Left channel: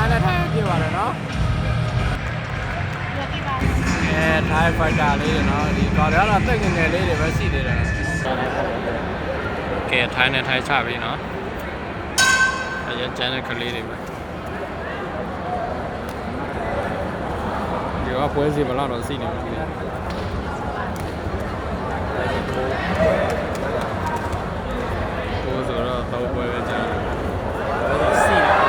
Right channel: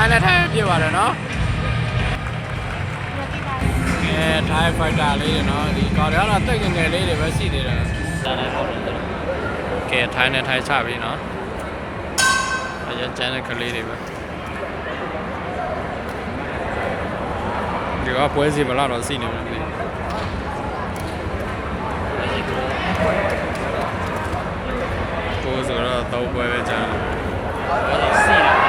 ထိုင်းနဲ့ထိုင်းပြပါတယ်နော်ထိုင်းဖိုက်တာလေးတွေနော်ဒီကောင်တွေကတော့တိတ်ငယ်လေးတွေပဲရှိသေးတယ်ကဲထိုင်းနဲ့ထိုင်းချပြီနော်အရင်ကျန်တဲ့ကလေးတွေပဲဒီကပွဲစီဘလောက်တော့စီနေမှာမသိဘူးဆိုတော့တော့ပွဲပဲကြာစီ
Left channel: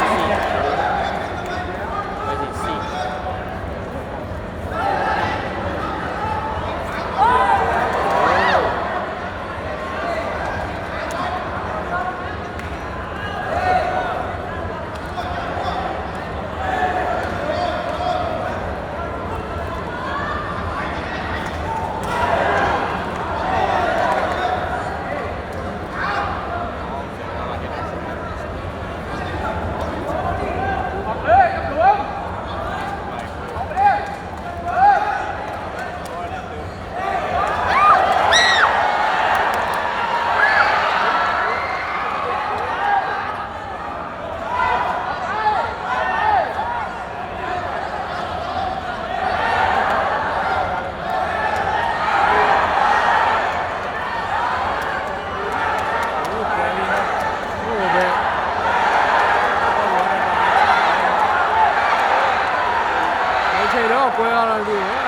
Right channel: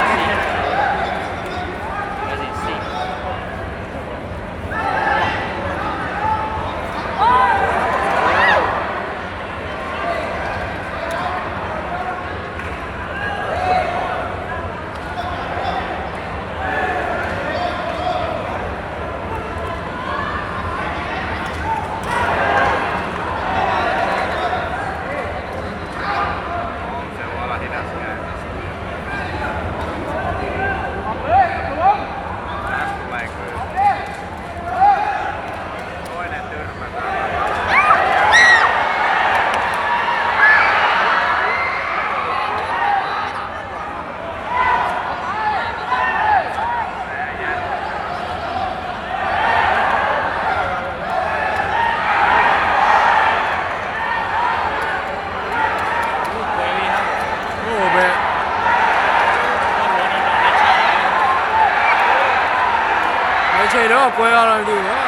ချိန်တော့ပွဲရတော့ဒီကွာ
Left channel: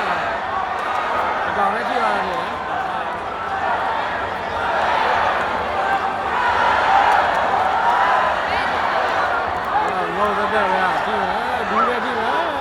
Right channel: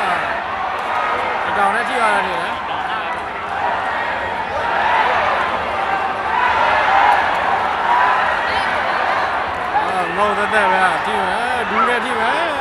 တောင်နဲ့ထိရတာနေတယ်ငေါသက်သက်ပဲထိမယ်ဒူးနဲ့ထိမယ်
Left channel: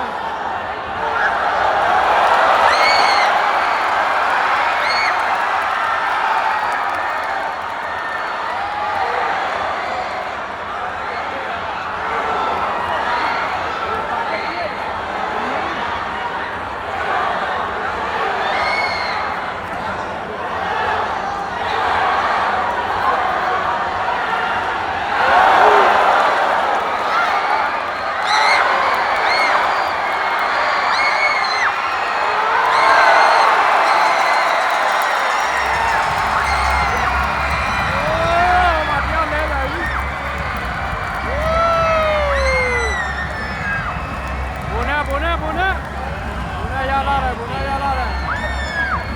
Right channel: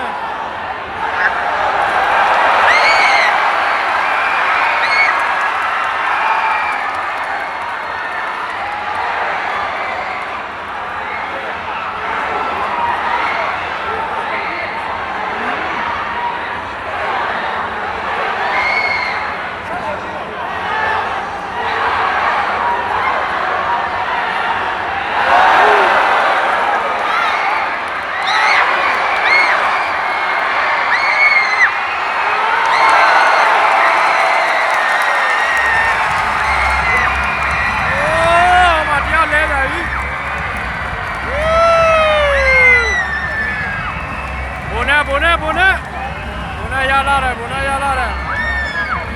ဘုန်းရလာတယ်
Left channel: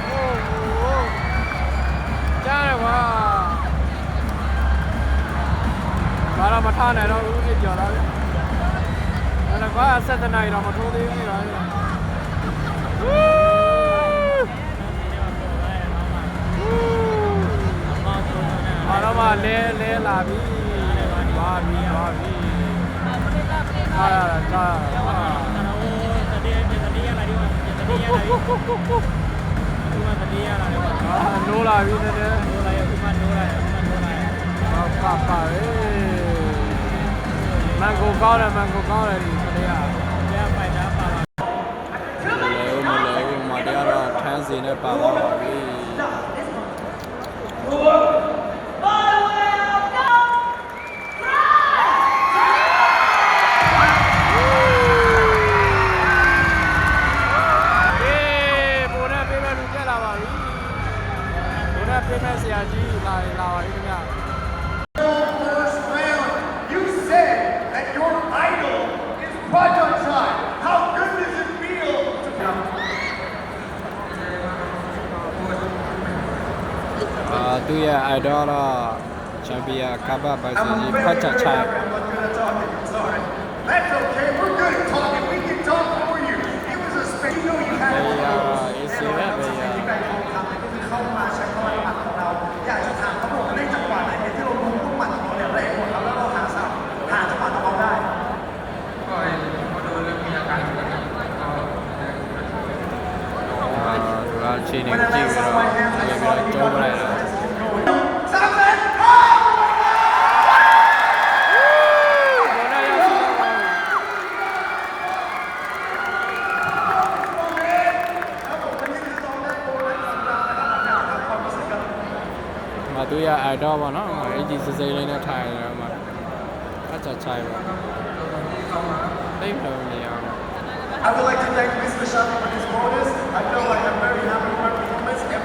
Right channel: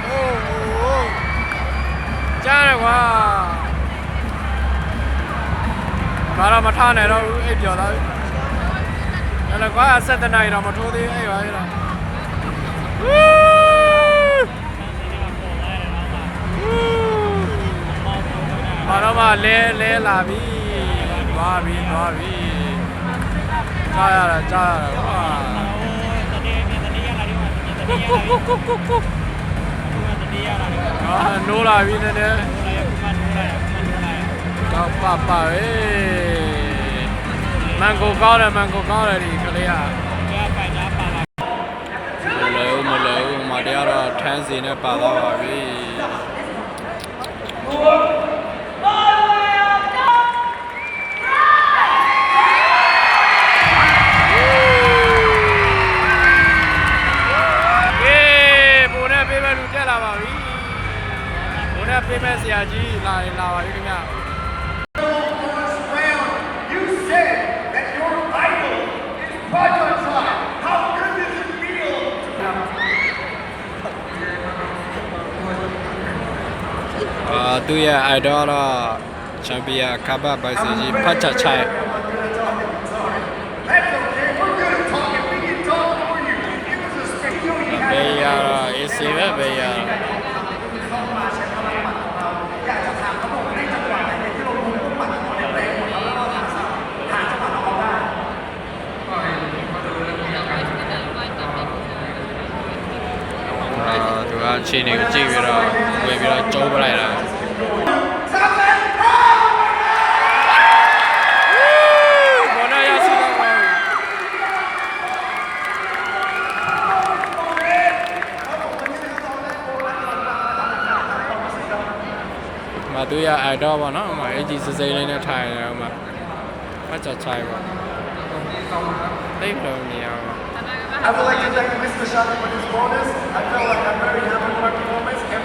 โอ้โหကြားရကွာဘာတော့မထားနဲ့တော့အိပ်ပျော်သွားပြီအဲ့ဒါကွာ7 နာရီတော့မထိုးသေးအဲ့ပါအဲ့ဒါဘာတော့မှလဲလာပြီသွားပြီကြားရတာကွာနိုးလာပြီနည်းနည်းကောက်ပါပဲမန်ကိုကောင်းတယ်ဒီကလေးကမလဲမတရားတော့ထန်းစီနဲ့ပါသွားပါပြီလာပါပြီဘုန်းနဲ့ပေးမဲ့ဆရာကြီးလာပါပြီခင်ဗျာ You said that your idol is Prajanchai. How good does it feel? သူရဲ့ idol တော့ချန်ပီယံကပ်ပိုက်ဆကြီးဖတ်ချချိုင် That's okay. We're good at talking. We can talk for you. It was a spectacular. ဘေးရတော့ AC ပဲဘေးရသူကခြေနေကိုကြည့်ပြီးတော့ဝင်ပြီးတော့ကျုံးပလိုက်တာဘောနာရစီတော့မသူရအိုက်တော့ပါနော်အကြီးစစိမ့်လေးနဲ့ထိုင်နေတော့မှဖတ်ချချိုင်ပါသိလို့မြင်အောင် I would like to thank Mr. Shadi for this bonus. I felt like I'm very happy with my performance.